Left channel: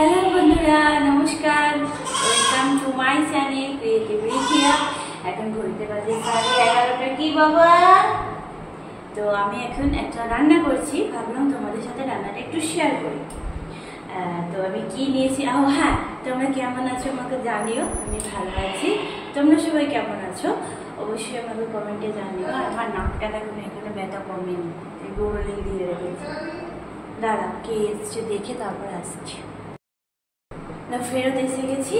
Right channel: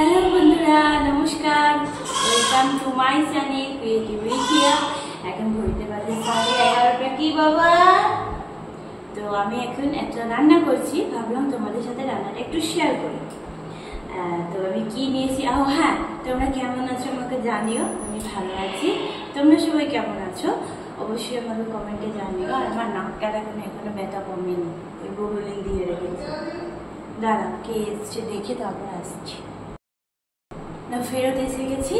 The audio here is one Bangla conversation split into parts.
হ্যালো বন্ধুরা, নমস্কার। Welcome to my channel creative Ridhiya. এখন ঘড়িতে বাজে 11:30। কি বাবা? তো আমি এখন একটা রান্না করছি, ভাবলাম তোমাদের সাথে রান্নাটা একটু শেয়ার করি। তো আমি কি নিয়েছি, হ্যাঁ, তোমরা কেমন আছো আমাকে জানিও। আমি ভালো আছি, তোমরা সবাই কেমন আছো অবশ্যই আমাকে কমেন্টে জানিও। আর আমার নাকটা এখনো ব্যথা কমেনি, গোবলিং দিয়ে রেখেছি। দাঁড়া, কে এসছে দেখে তারপর আসছি। ফেরত এসে গেছি।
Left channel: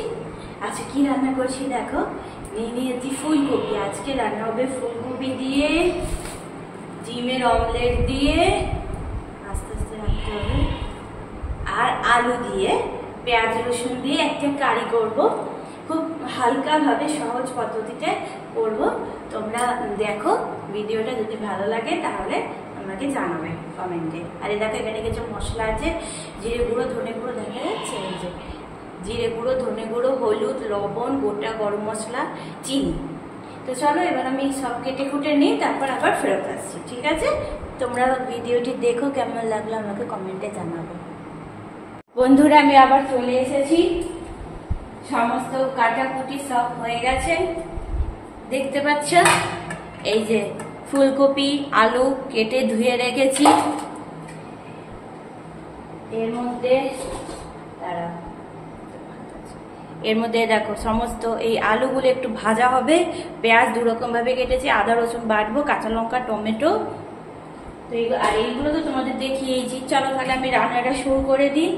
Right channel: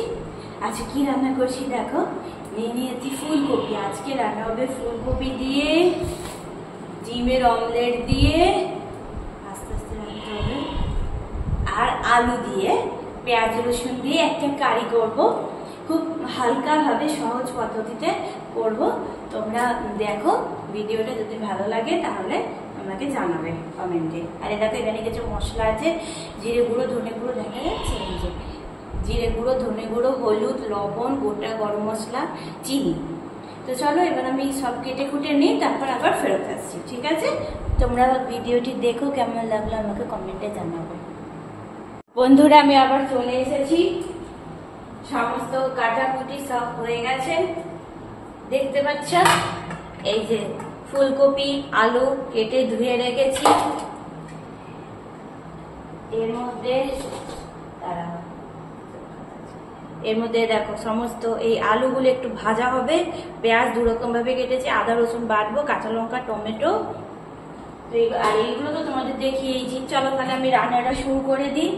আচ্ছা, কি রান্না করছি দেখো। নিয়েছি ফুলকপি। আজকে রান্না হবে ফুলকপি দিয়ে, ডিমের অমলেট দিয়ে, আস্তে আস্তে রাখতে হবে, আর আলু দিয়ে, পেঁয়াজ রসুন দিয়ে একটা কারি করব। খুব হালকা ভাবে সহজ পদ্ধতিতে করব। তোমরা দেখো ভিডিওটা, যদি ভালো লাগে তাহলে আমাকে জানাবে কমেন্টে। আর দেখো এখানে কিছু মশলা আছে, জিরে গুঁড়ো, ধনে গুঁড়ো, দেখা যাচ্ছে এই যে জিরে গুঁড়ো, ধনে গুঁড়ো, হলুদ, লবণ, গোটা গরম মশলা, চিনি। তো চলো এবার আমি সব কেটে কুটে নিই, তারপর আবার ফেরত আসছি। ঠিক আছে, তোমরা ভিডিওটি দেখো, কেমন লাগলো আমাকে কমেন্টে জানাবো। বন্ধুরা, আমি আবার চলে এসেছি। সমস্ত কাটাকুটি সব হয়ে গেছে, দেখতে পাচ্ছ। এই যে ফুলকপি, আলু কেটে ধুয়ে রেখেছি। এর মধ্যে দেখো সমস্ত এই আলুগুলো একটু ভাজা হবে। পেঁয়াজ দুরকম ভাবে কেটেছি, আদা রসুন বাটবো, কাঁচা লঙ্কা, টমেটো। তো আর এইগুলো তো তোমাদের দেখিয়েছি। চলো তাহলে আমি রান্নাটা শুরু করে দিই।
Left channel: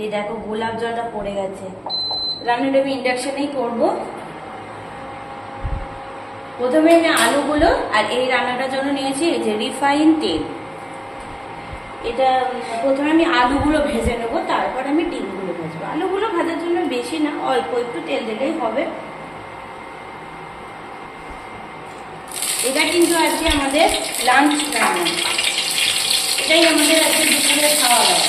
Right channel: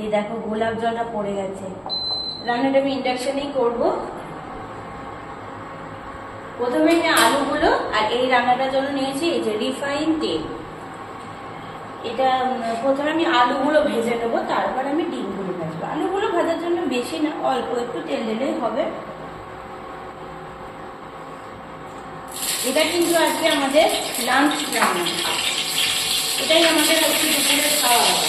এই দেখো গোলাপ জলটা পড়ে গেছে। রান্নাটা আমি ইন্ডাকশনেই করবো। প্রথমে আলুগুলো, আর এই রান্নাটার জন্য নিয়েছি এই যে রিফাইন তেল। এটা প্রথমে আমি আলুগুলো ভেজে নেবো, তারপর আমি ডিমগুলো ভাজবো। আলুগুলো ভাজার জন্য বেশি না, অল্প একটু তেল দিলেই হবে। এটা কিন্তু আজকে আমাদের লাঞ্চ রান্না, এটাই আমাদের আজকে দুপুরে খাওয়া দাওয়া।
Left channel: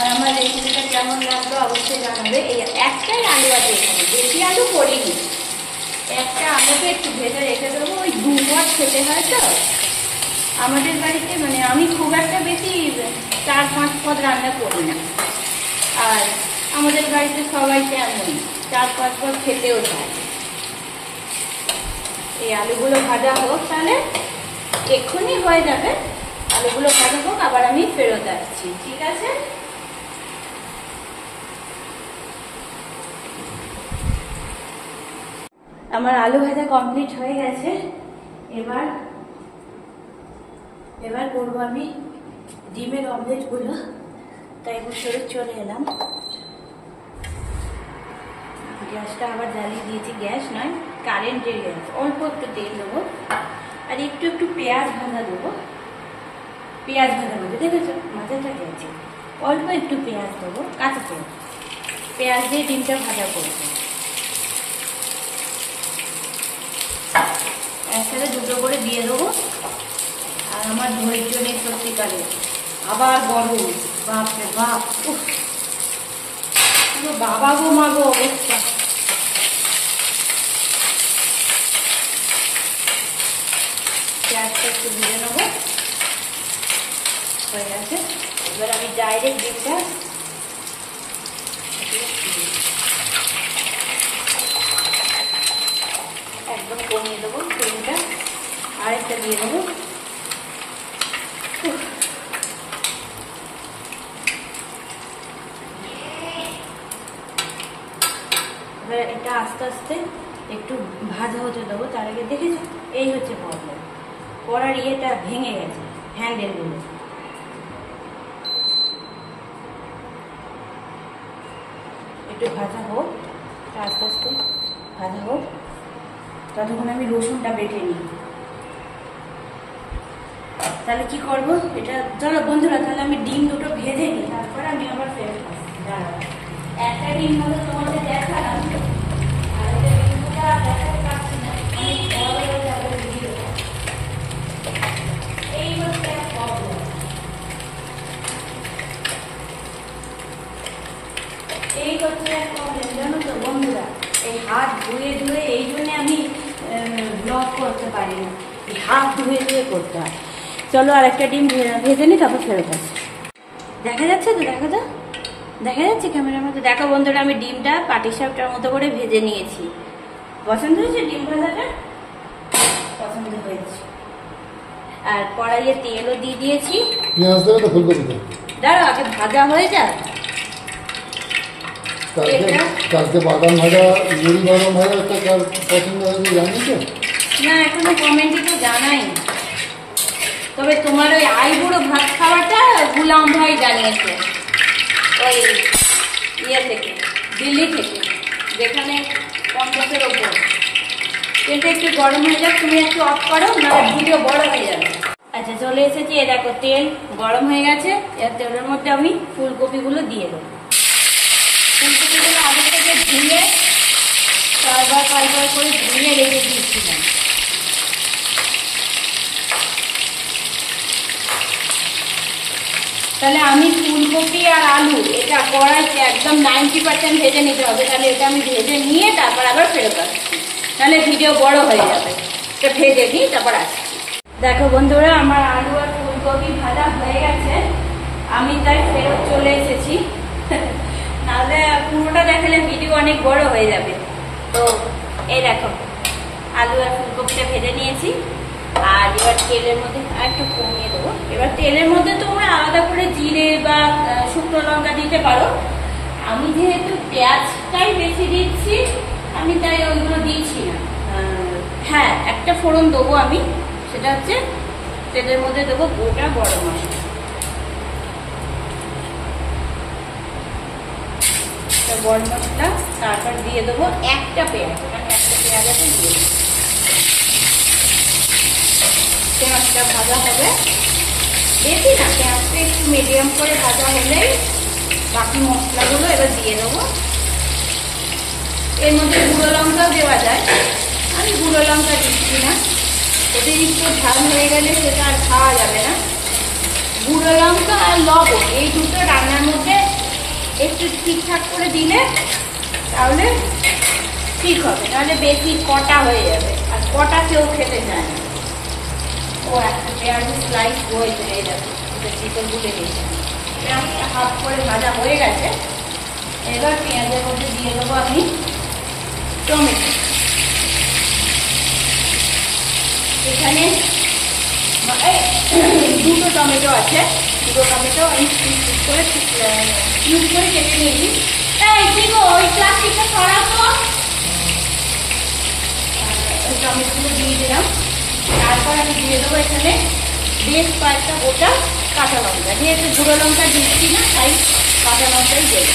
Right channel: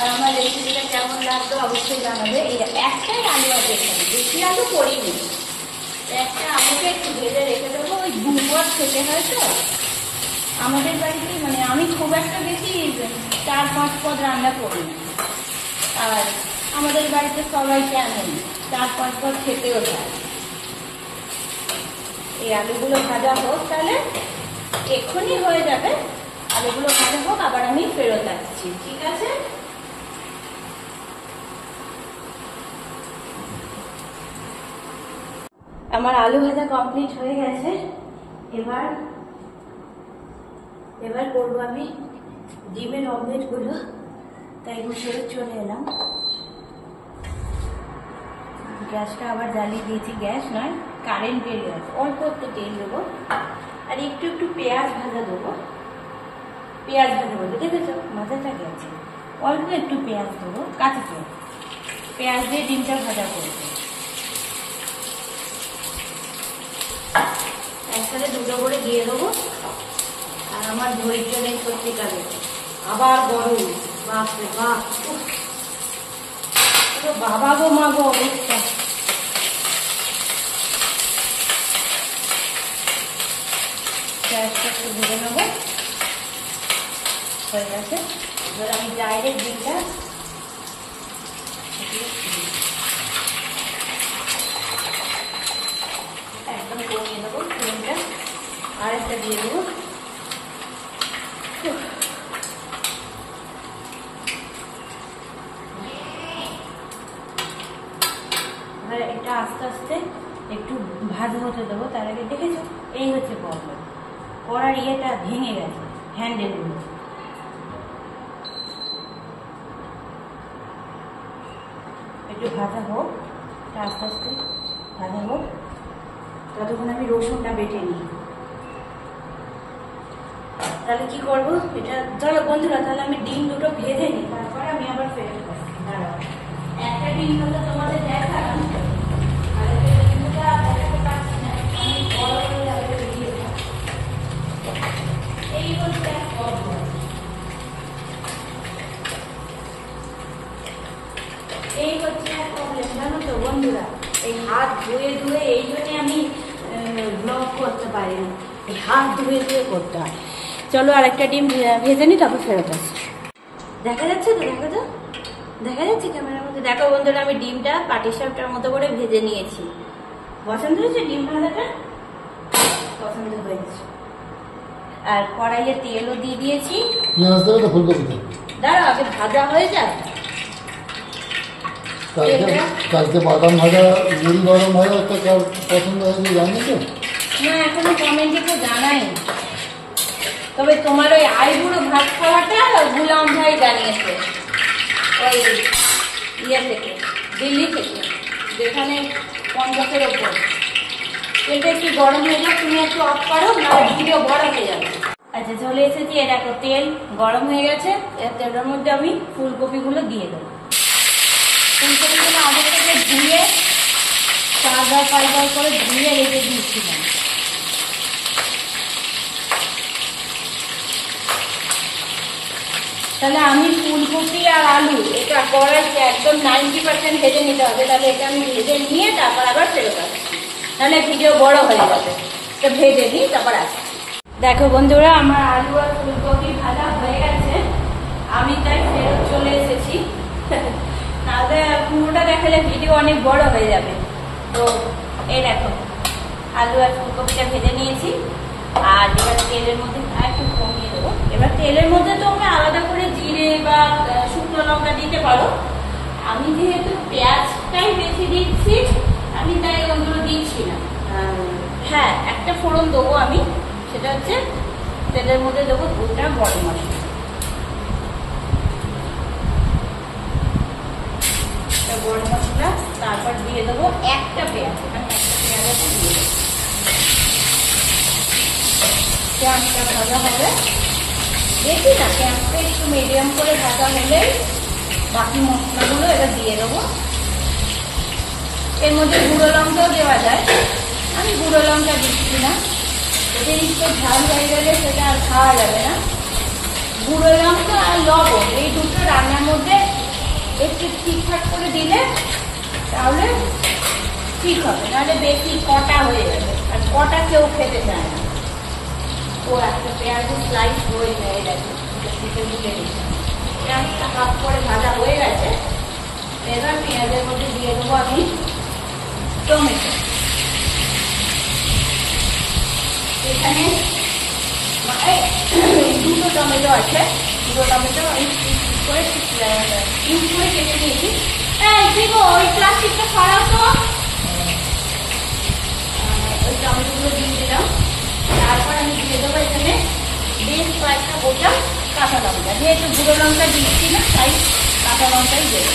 আর আমার রেসিপিটা কেমন লাগতো অবশ্যই জানাবে। এই একটাই আলু আছে এখানে, বেশি আলু করিনি। একটা আলুকে একটু ভেজে রেখে দেবো, ওই দুবার খেতে হয় তো আমাদের বাড়িতে। আমি খুব একটা বেশি 4-5 পদ রান্না করি না। আর আমাদের বাড়িতে সবাই তেমন 4-5 পদ খেতেও চায়। এই আলুগুলো ভাজা হোক, তাহলে এক্ষুনি হয়ে যাবে। আলুগুলো ভাজা হোক, আবার আমি ফেরত আসছি। ঠিক আছে, আমার আলু ভাজা কমপ্লিট হয়ে গেছে। এবার করবো আমি ডিমের অমলেট গুলো। তাই বসে চলে এলাম। গ্যাসটা আবার জ্বালিয়ে দিয়েছি। গ্যাস নয়, কারেন্টের গ্যাস। অল্প একটু তেল দেবো, আর একটু একটু পেঁয়াজ ভাজা দেবো। পেঁয়াজ ভাজা বলতে দেখেছো মাথাটা গেছে। অল্প একটু পেঁয়াজ দেবো, কাঁচা পেঁয়াজ দিয়ে ডিমটা ভাজা করবো। একসাথে দুটো করে দিয়ে দেবো। আর আমার ধৈর্য নেই সত্যিকারে, আবার গরম, বাপরে বাপ, বাবা গো মা গো অবস্থা। পেঁয়াজটা একটু ভেজে নেবো, হয়ে গেছে। এবার আমি ডাইরেক্ট ডিমটা একদম কমিয়ে দেবো। ডিমটা আর একটা দিয়ে দেবো। এটা আস্তে আস্তে একটু ভাজা হতে দেবো। তার আগে দেখেছো এই হচ্ছে প্রবলেম, কড়ার ইয়েটা ভেঙে গেছে, হ্যান্ডেলগুলো। একটু ভাজা হোক, আস্তে আস্তে ভাজা হোক, ততক্ষণ আমি রসুনটা বেটে নিই। তাহলে কি করবো এটা, চলো বন্ধুরা, তাহলে আমি ডিম দুটো ভেজে নিই, তারপর আমি আবার ফেরত আসছি। দাঁড়াও, একটা ডিম হলো তোমাদের দেখালাম, এই হচ্ছে প্রবলেম, জানো তো বন্ধুরা। এই হাত ধুয়ে ধুয়ে, এই জন্য আমি ব্লগ করতে পারি না, হাত ধুয়ে ধুয়ে করতে হয়। চলো আর একটা ডিম ভেজে নি, তারপর ফেরত আসি। দেখা যাচ্ছে তো? দেখো তো, দেখা যাচ্ছে ক্যামেরার মধ্যে? দেখো বন্ধুরা, আমি ডিমটা পাটিসাপটার মতো করে ভেজে নিয়েছি। পছন্দ হয়েছে ডিম ভাজাটা? পছন্দ হয়েছে। আর কড়াইয়ে তেলও দিয়ে দিয়েছি। দাঁড়াও, আগে ভাজা হয়ে যায়। কালকে বাদাম ভাজা, মুড়ি বাদাম ভাজা একটা পছন্দ হয়েছে, জানি তো না, এখনো কমেন্টে তো জানাই। তবে তোমার ওই আইবুড়ো ভাত খাওয়াটা গুলাম ভাই জানিয়েছে, ওই ইয়ে থেকে, দিল্লি থেকে, যেখানে 50-এর ওপর। তেলটা একটু গরম হয়ে যাক, তুমি একটু অফ করো, না ভিডিও বড় হয়ে যাবে। আচ্ছা, চলে এসেছি। এ দেখো, তেল গরম হয়ে গেছে। এর তেলের মধ্যে আমি ফুলকপিগুলো দিয়ে দেবো। ফুলকপিগুলো আগে থেকে ধুয়ে পাউডার করে ধুয়ে রেখে দিয়েছিলাম। তাহলে আমি ফুলকপি আর আলু এটা কড়াইতে একদম 90% ভেজে নিতে হবে। তাহলে এটা আমি ভেজে নিয়ে তারপর আবার ফেরত আসছি, তাহলে ভিডিও বড় হয়ে যাবে। তো ভেজে দিই, তারপর আসছি। দেখো বন্ধুরা, আমার আলু আর ফুলকপি ভাজা হয়ে গেছে। আমি তাই ফেরত চলে এসেছি, তাহলে পুরোটা দেখালে ভিডিও অনেক বড় হয়ে যাবে। তো এই দেখো, আলু আর ফুলকপিটা ভেজে নিয়েছি। আর এবার তেলের মধ্যে একটু কমিয়ে দেবো। এবার তেলের মধ্যে তোমরা আলাদা করে জিরে বা শুকনো লঙ্কা দিতে পারো। আমি যেহেতু পেঁয়াজটাই বেশি দিচ্ছি, আমি তাই ওগুলো দিচ্ছি না। হ্যাঁ, একটা ফোড়ন দেবো আমি, সেটা হচ্ছে তেলের মধ্যে দেবো গোটা গরম মশলা। গরম মশলা, তারপর দিয়ে দেবো একটা পেঁয়াজ, মানে একটা পেঁয়াজ দিয়ে দেবো। পেঁয়াজটা ভাজা হবে বেশি না, পেঁয়াজটা একটু মিডিয়াম করে ভাজা হলেই বাকি মশলাগুলো এবার দিয়ে দেবো। এর মধ্যে গুঁড়ো লঙ্কাও দেওয়া যায়, আমি গুঁড়ো লঙ্কা দিচ্ছি না। অতিরিক্ত ঝাল হয়ে গেলে সেটা আর খাওয়া যাবে না। গুঁড়ো লঙ্কা আর লবণ এই দুটো রান্নার মধ্যে একটু ঠিকঠাক করে দিলে তাহলে ঠিক হবে, নাহলে বেশি কটা হয়ে যাবে, আর কটা কেউ খেতে চায় না। ও একটা পেঁয়াজের স্লাইস হয়ে যায়, দেখো চিকেন গুলে দিয়েছে। পেঁয়াজটা হাফ করে ভাজা হয়ে গেছে। এবার পেঁয়াজের মধ্যে দিয়ে দেবো আমি টমেটো। এখানে দুটো টমেটো আছে, দুটো টমেটো ইউজ করে কেটে নিয়েছি। ওই প্লাস্টিকটা খারাপ, তো ওই টমেটোগুলো দিয়ে দিলাম। তারপর আমি দিয়ে দেবো এখানে বেশ কয়েকটা গোটা কাঁচা লঙ্কা। যেহেতু গুঁড়ো লঙ্কা দিচ্ছি না, তাই কাঁচা লঙ্কাই দেবো।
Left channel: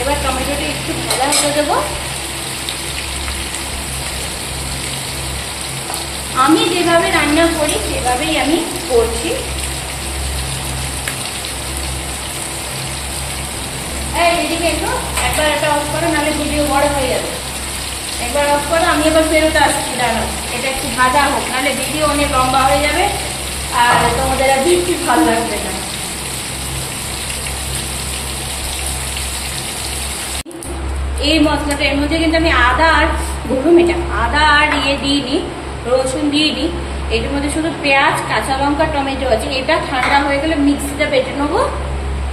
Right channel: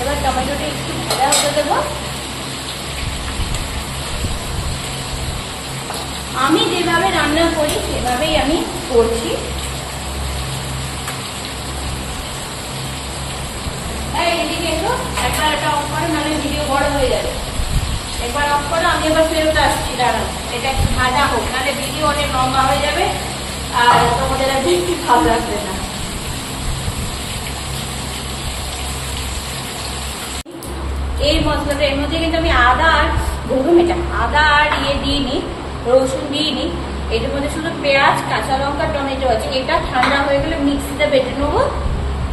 এবার টমেটোটা একটু ভাজা হতে দেবো। আমি যেভাবে রান্না করি সেভাবেই আমি করছি। এদিকে একটু একবার একটা অফ করো, নাহলে ভিডিও বড় হয়ে যাবে। একবার অফ করো, আমি এবার ফেরত আসছি। দাঁড়ানো, এটা একটু ভাজা হোক, নাহলে ভিডিও অনেক লম্বা হয়ে যাবে আর তোমাদের আর দেখতে ভালো লাগবে না। এই মশলাটা, এর মধ্যে কিন্তু আমি আদা আর দিইনি, রসুন দিইনি। এটার মধ্যে শুধু পেঁয়াজ, কাঁচা লঙ্কা, টমেটো আছে। এটা ঠান্ডা হয়ে গেলে মিক্সিতে বেটে নেবো।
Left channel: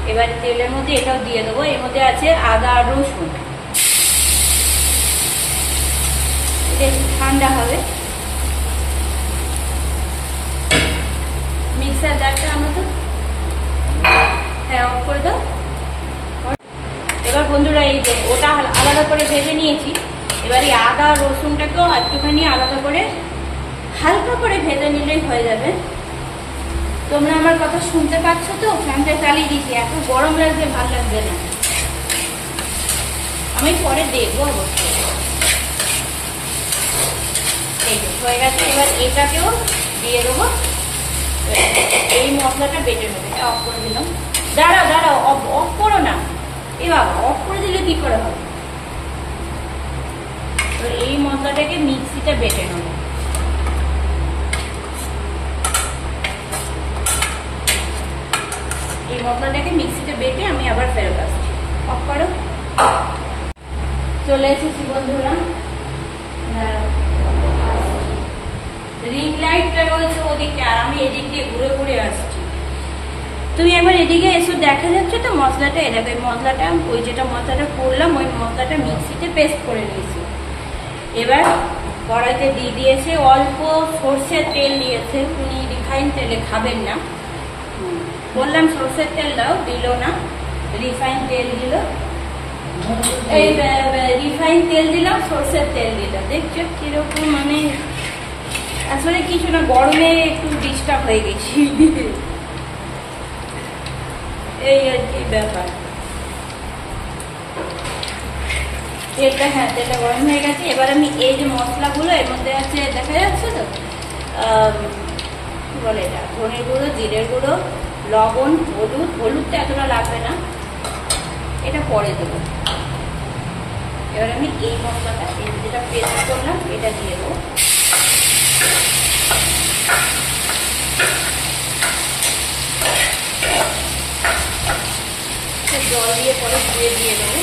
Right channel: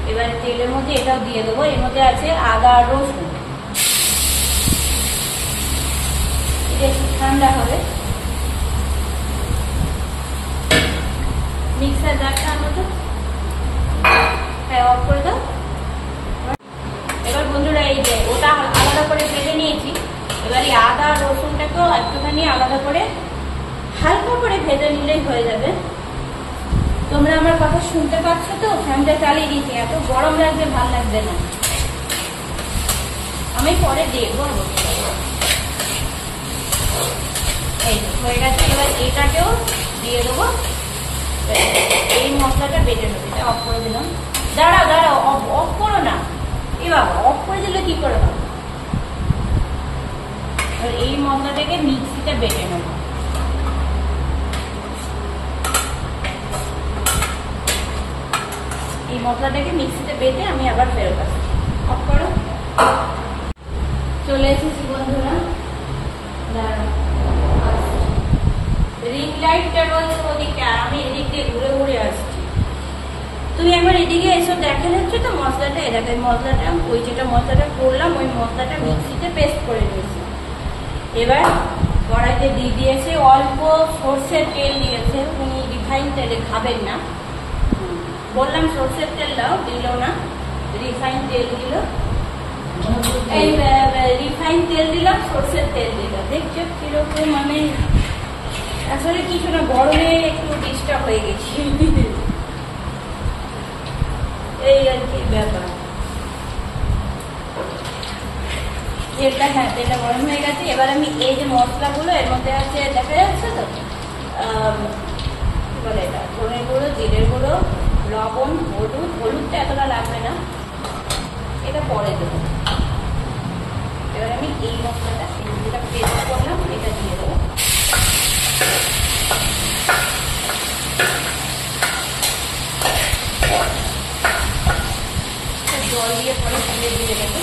এবারে তেলের মধ্যে এটাও দিয়ে দেবো। এর মধ্যে আছে আদা আর রসুন। এটা একটু ঠান্ডা হবে। মিক্সার জারটা আমার তো অফ করে দাও। এবার বন্ধুরা, এই যে ওটা আলাদা করে ভেজে নিয়েছি। এবার এই আদা রসুনটাকেও একটুখানি আলাদা করে হালকা করে ভেজে নিলেই হয়ে যাবে। তোমরা আমার কথা শুনতে পাচ্ছ তো? ফ্যানটা চালিয়ে দিয়েছি, এত গরম লাগবে, ভালো লাগবে না। আমি পরে দেখবো অবশ্যই। এই হয়ে গেছে। এবার এটাকেও দিয়ে দেবো। এই মশলাটা বেটে নেবে। এটা অফ করে দিলাম। দাঁড়াও, অফ করো না। এ বাবা, অফ করে দিলে কি করে হবে? এই মশলাটাকে মিক্সিতে বেটে নেব। মশলাটাকে মিক্সিতে বেটে আমি আবার ফেরত আসছি। অফ করো। চলে এসেছি বন্ধুরা, রিং লাইটটা বলছে ওদিকে, আর আমি এদিক দিয়ে ঘুরে ঘুরে আসছি। তুমি এবার এদিকে এসো, দেখা যাচ্ছে তো মশলাটা। এটাকে মশলাটা ওই যেটা মশলাটা করলাম ওই মশলাটা মিক্সিতে পেস্ট করে নিয়েছি। এবার কড়াইতে দিয়ে দিয়েছি অল্প সর্ষের তেল দিয়েছে, উনি রিফাইন তেলে খাবেন না, বললাম সর্ষের তেল দাও, দিল না, রিফাইন তেল দিল। এই রিফাইন তেল দিলাম, সর্ষের তেল দিলাম। দেখছো কিরকম, মানে আসলে কিছু না, গরমে একটু ডিস্টার্ব হয়ে গেছি, এই আর কি ব্যাপার। তেলটা, হ্যাঁ তেলটা গরম হয়ে গেছে। এবার আমি এই যে মশলাগুলো এর মধ্যে আছে, দেখা যাচ্ছে তো কি বলে এটা, ধনের গুঁড়ো, জিরের গুঁড়ো, লবণ, হলুদ। হলুদটা এতটা লাগবে না, এটা পরে দেবো। এবার আমি এই মশলাটা যেটা পেস্ট করলাম এটা দিয়ে দেবো। জল দিয়ে পরে দিয়ে দেবো।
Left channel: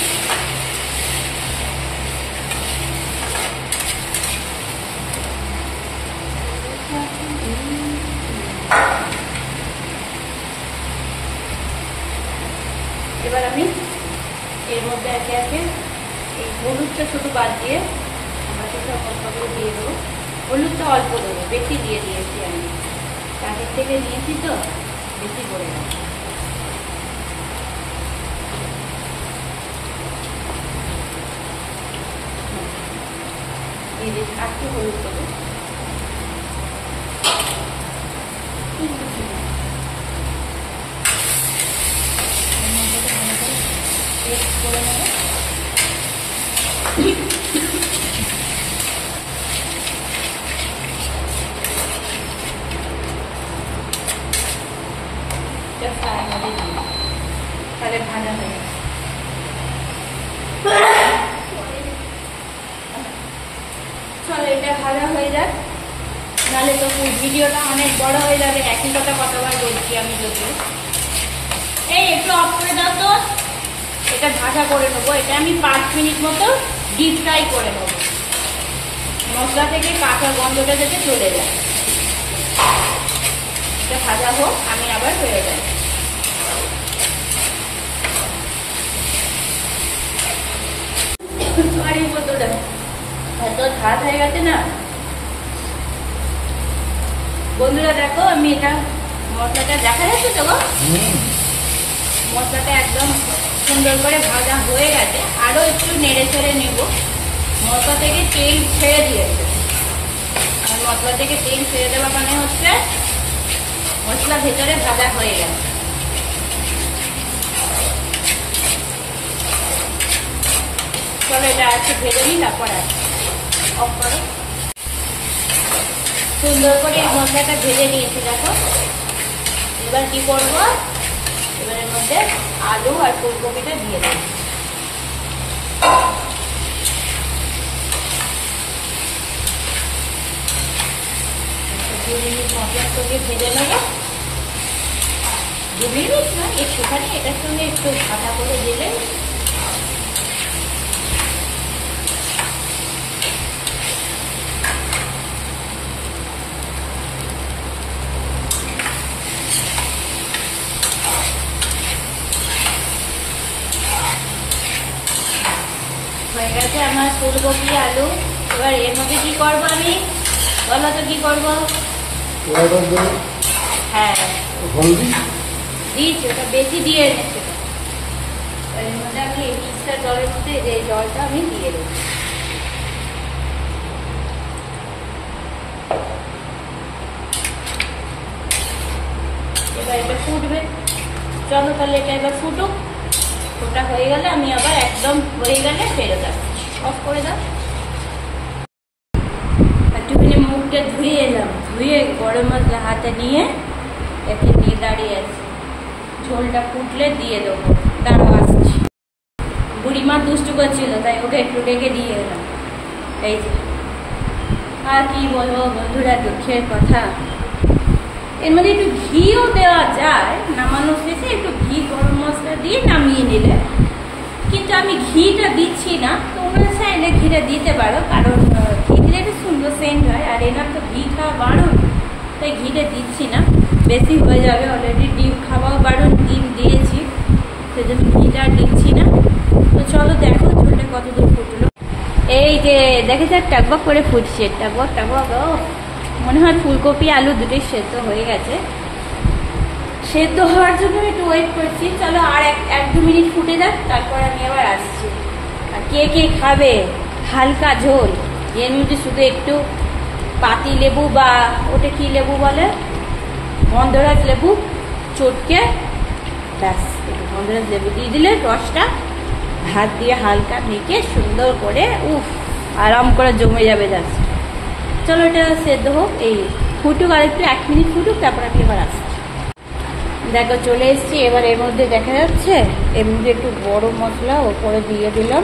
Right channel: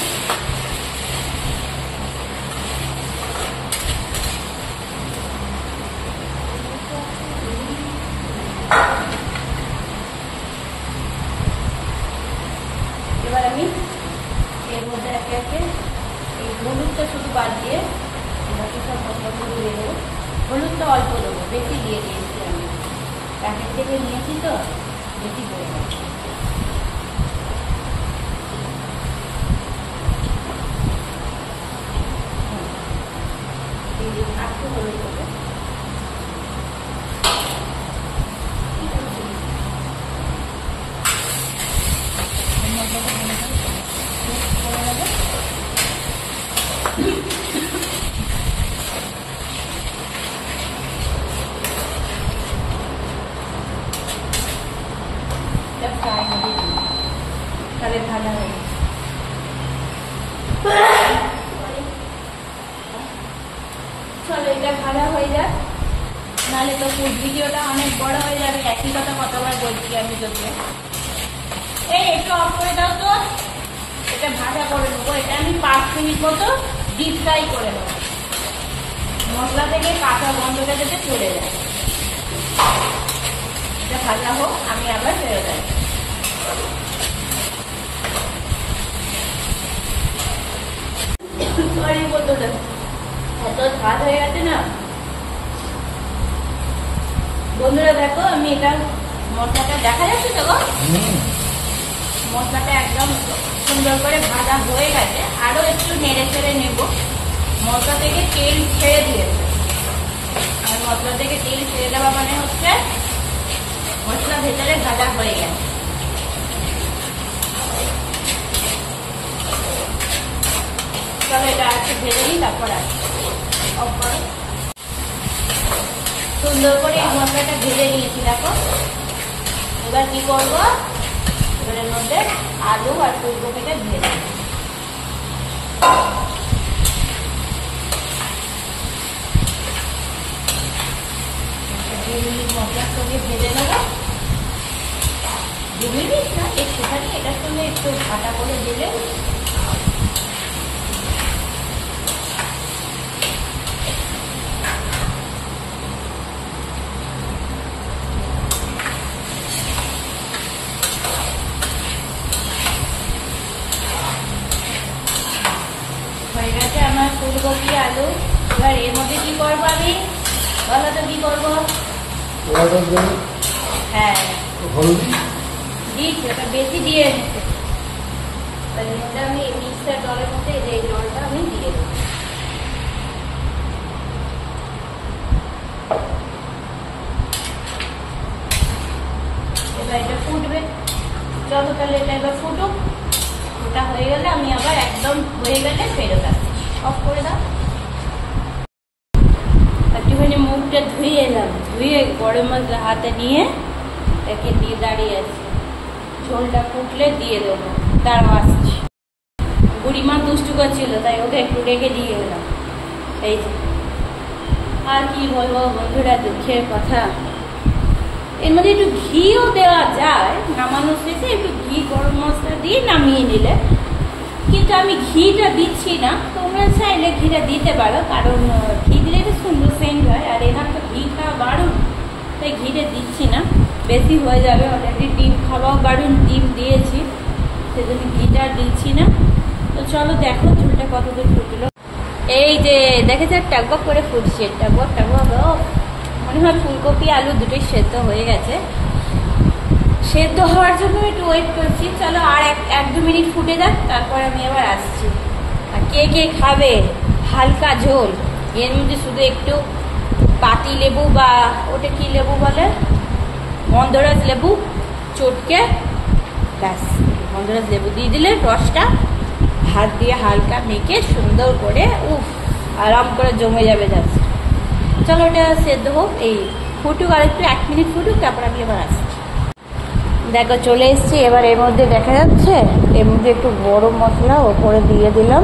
এবার আমি এর মধ্যে একে একে হলুদটা শুধু বাদ দিয়ে বাকি সব মশলাগুলো দিয়ে দেবো। হলুদটা অল্প দেবো, বেশি দিয়ে দিয়েছি আমি, প্যাকেট থেকে নিয়েছি তো বেশি করে দেবো। দিয়ে দিচ্ছি একটু হলুদ দেবো। করে নেবো। তাহলে ভাজা হয়ে গেছে। চলো এটা ভাজা হয়ে যাক, নাহলে তো ভিডিওটা অনেক বড় হয়ে যাবে। একই কথা কতবার বলছি আমি তোকে। এই একটু অফ করে দাও তো, এটা ভাজা করে নেবো। এটা আমি 5 মিনিট মতো ডিপ ফ্রাই করে নেবো, মশলা থেকে কাঁচা গন্ধটা যাতে চলে যায়। এটা ভাজা হোক, আমি আবার ফেরে যাই। এত ভাত হয়ে গেছে না বন্ধুরা, দেখো আমি এটা মশলাটা দেখা যাচ্ছে তো, মশলাটা একদম সুন্দর করে ভাজা হয়ে গেছে। আরো একটু নেড়ে চেড়ে নেব। মশলা থেকে তেল ছেড়ে দিয়েছে, আর মশলা থেকে তেল ছেড়ে দেওয়া মানে হচ্ছে মশলা ভেতরে ভাজা হয়ে গেছে। চলো এটা একটু ভেজে নিই, তারপর অফ করো। সুন্দর করে এই মশলাটা ভেজে নিয়েছি দেখো। এবার কি করবো, এবারের মধ্যে আলু আর ফুলকপিটা দিয়ে দেবো। মশলার সঙ্গে ভেজে নেবো। 2 মিনিট না, একটুখানি এটার সঙ্গে একটু ঢাকা করে দিলে হয়ে গেছে আমার ফুলকপি আলু। এবার এর মধ্যে কি করবো আমি, বলো তো কি করবো? হ্যাঁ দিচ্ছি, ওটা বেশি দিয়ে এনেছে। এর মধ্যে আমি এই মিক্সটা জলের মধ্যে যে জলটা আমি দিয়ে দেবো। এবার এটা ফুটবে। চলো তাহলে এটা এবার ফুটুক। ওটা হয়ে গেলে আমি আবার একদম হয়ে গেলে ফেলে যাচ্ছি। অফ করে দাও। একটুখানি মুখটা ধুয়ে এলাম, ধুয়ে গরম মশলা হাতে নিয়ে একে দিয়ে দাঁড়িয়ে আছি। ঝোলটা ফুটলে দিয়ে দেবো, তারও আসছি। বুড়িমা দুষ্টু করছিল, তাই ওকে একটু রেখে দিয়ে এলাম। এই যে আর কি বলবো বন্ধুরা, দুঃখের কথা। এর মধ্যে একটু ঘিও দেওয়া যায়, নামানোর শেষে একটু ঘি গরম মশলা দিয়ে নামিয়ে নিলে, কিন্তু আমি ঘিটা দিচ্ছি না। তোমরা চাইলে ঘিটা দিতে পারো, কারণ ঘি দিলে একটা সুন্দর সেন্ট হয়, আর এনার তো ঘি খাওয়া বারণ, তাই ঘিটা দিচ্ছি না, বেশি হয়ে যাবে। অলরেডি ডিম খাওয়াও বারণ, ডিম দিয়েছি, সেজন্য ঘিটা আর দিচ্ছি না। তো চলো দেখো ঝোলটা কত দূর ফুটলো। এই যে দেখেছে টকবক করে ফুটছে, টকবক টকবক। মনে হয় ফুলকপি আলু দুটোই সেদ্ধ হয়ে গেছে। সেদ্ধ হওয়ার জন্য একটু ওয়েট করছি। চলো আর 1-2 মিনিট ফুটে যাক, তারপর আমি আবার আসছি। আর কে কে খাবে হালকা ঝোল, এর মধ্যে শুধু একটু পাতি লেবু বা ওটা কি লেবু বলে, গন্ধরাজ লেবু চটকে, ব্যাস গন্ধরাজ লেবু দিয়ে দিলে রসটা হাত দিয়ে হালকা মেখে সুন্দর করে আরাম করে জমে যাবে। যাচ্ছে চলো এটা সেদ্ধ হোক, এই ফুটুক আর একটু 1 মিনিট ফুটুক, তারপর আমি এবার আসছি। দেখো চলে এসছি। এবার এর মধ্যে দেখা যাচ্ছে, এর মধ্যে একটু গরম মশলা ওপরে দিয়ে দিলাম,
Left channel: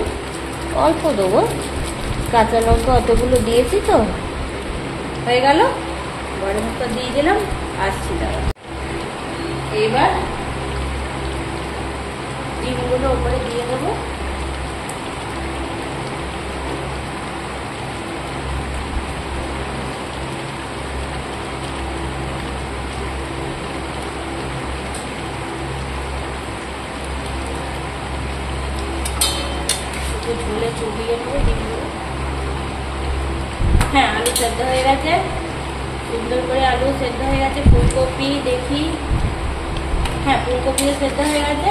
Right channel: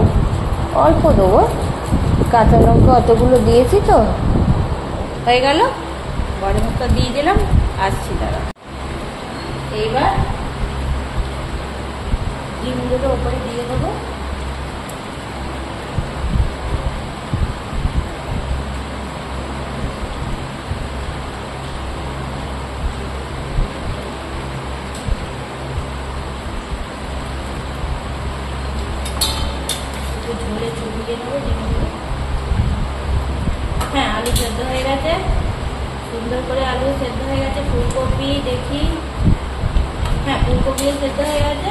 অল্প দেবো, কাঁচা লঙ্কা অতগুলো দিয়েছি তো হয়ে গেল। গরম মশলা দিয়ে দিলাম, আসছি দাঁড়া। এবার ডিমগুলো ওপরে দিয়ে দেবো। ঝুলে চুবিয়ে নেবো ডিমগুলো। হ্যাঁ, আলু সেদ্ধ হয়ে গেছে, সুন্দর করে আলু সেদ্ধ হয়ে গেছে। ফুলকপি দেখি, হ্যাঁ ফুলকপিও সেদ্ধ হয়ে গেছে।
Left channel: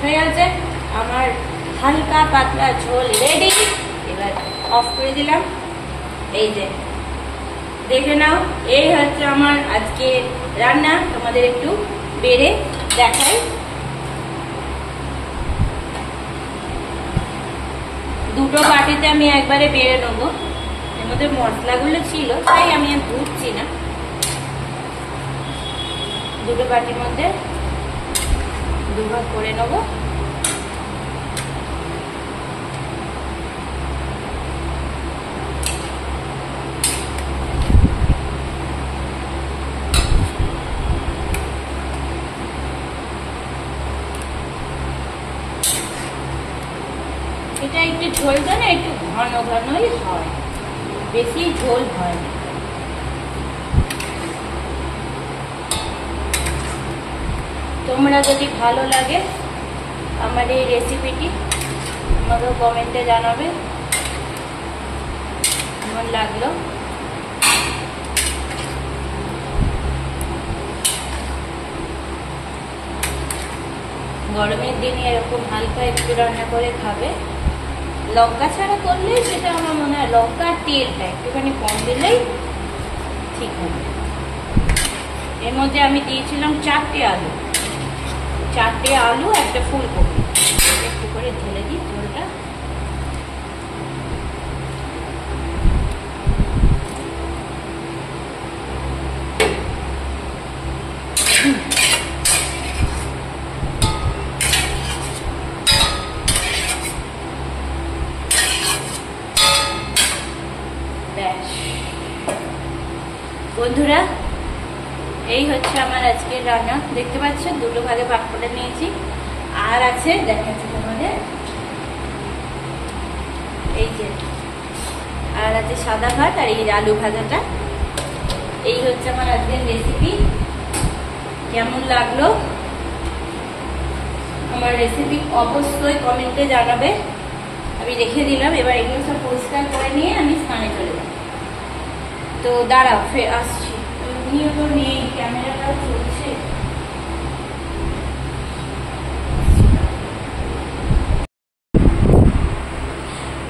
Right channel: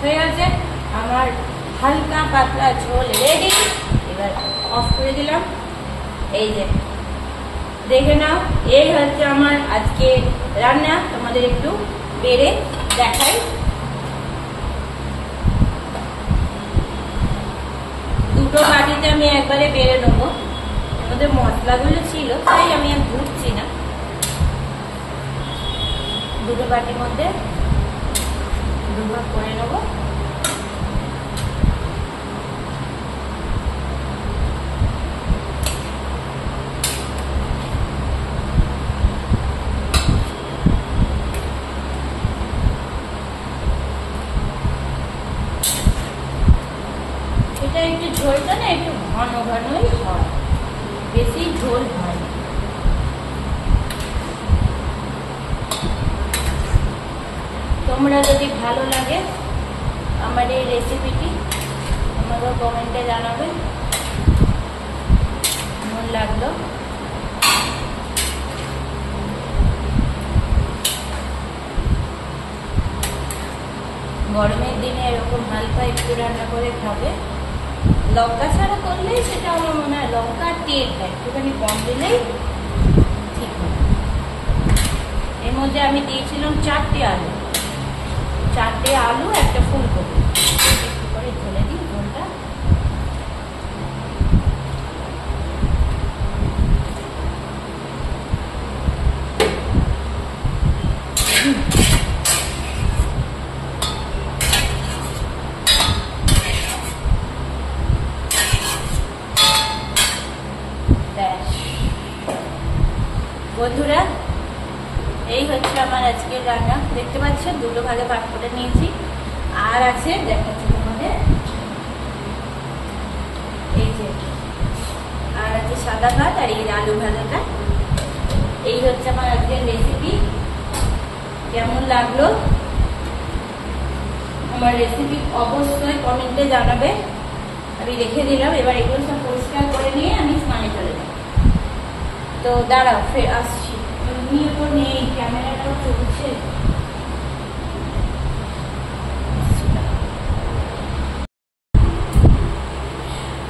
হয়ে গেছে আমার হালকা পাতলা ঝোল রেডি। এবার অফ করে দিলাম। এই যে দেখে নাও, এই হচ্ছে আমার আজকে রান্না। তোমাদের একটু বেড়ে দেখাই। দুটো বাটিতে আমি একবারে বেড়ে নেবো, এর মধ্যে মশলাগুলো ছিল তাই আমি আর ধুচ্ছি না। দুটো বাটির মধ্যে দুভাগ করে নেবো। এটা একটু ঝোলটা না একটু ঘন ঘনই হয়, বেশি ঝোল হয় না। তোমরা যদি ভালো লাগে আমার এই রেসিপিটি, আমাকে কমেন্টে জানাবে কেমন লাগলো। গরমের দিনে এরকম হালকা একটু রান্না করে খাবে। লঙ্কা ছাড়া করলেই সেটা আমার মনে হয়, লঙ্কা আর তেলটা একটুখানি কম দিলেই ঠিক হবে। এর মধ্যে আমি দিয়েছিলাম 4টে আলু, 4টে আলু, একটা ফুলকপি। একটু করে ঢেলে দিই ঝোলটা। বন্ধুরা এই হচ্ছে আমার আজকের রান্না। দেখতে পাচ্ছ দুটো ভাগে ভাগ করে নিয়েছি। আর আছে দেখাচ্ছি তোমাদের, এই যে আর আছে সাদা ভাত আর এই আলু ভাজাটা। এই হচ্ছে আমার আজকের রেসিপি। কেমন লাগলো আমার রেসিপি অবশ্যই কমেন্টে জানাবে। আমি রেখে দিলাম। এবার এগুলো সব পরিষ্কার করে নিয়ে আমি স্নানে চলে যাব। তো দাঁড়াও ফের আসছি। নিয়ে তো নেই, ক্যামেরাটাও চলছে।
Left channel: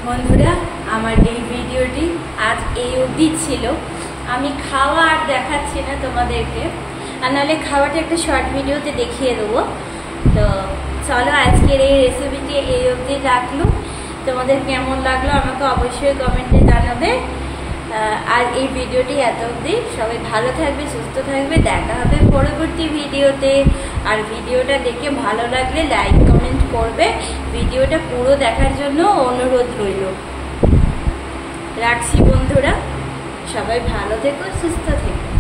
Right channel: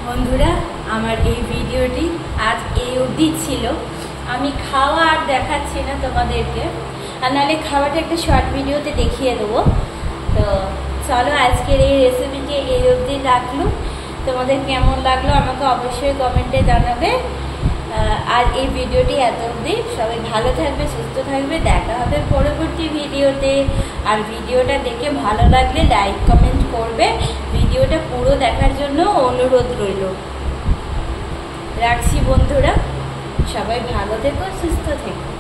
বন্ধুরা আমার এই ভিডিওটি আজ এই অবধি ছিল। আমি খাওয়া আর দেখাচ্ছি না তোমাদেরকে, আর নাহলে খাওয়াটা একটা শর্ট ভিডিওতে দেখিয়ে দেবো। তো চলো আজকের এই রেসিপিটি এই অবধি রাখলো। তোমাদের কেমন লাগলো আমাকে অবশ্যই কমেন্টে জানাবে। আর এই ভিডিওটি এত অবধি। সবাই ভালো থাকবে, সুস্থ থাকবে, দেখা হবে পরবর্তী ভিডিওতে। আর ভিডিওটা দেখে ভালো লাগলে লাইক কমেন্ট করবে। ভিডিওটা পুরো দেখার জন্য অনুরোধ রইল। রাখছি বন্ধুরা, সবাই ভালো থেকো, সুস্থ থেকো।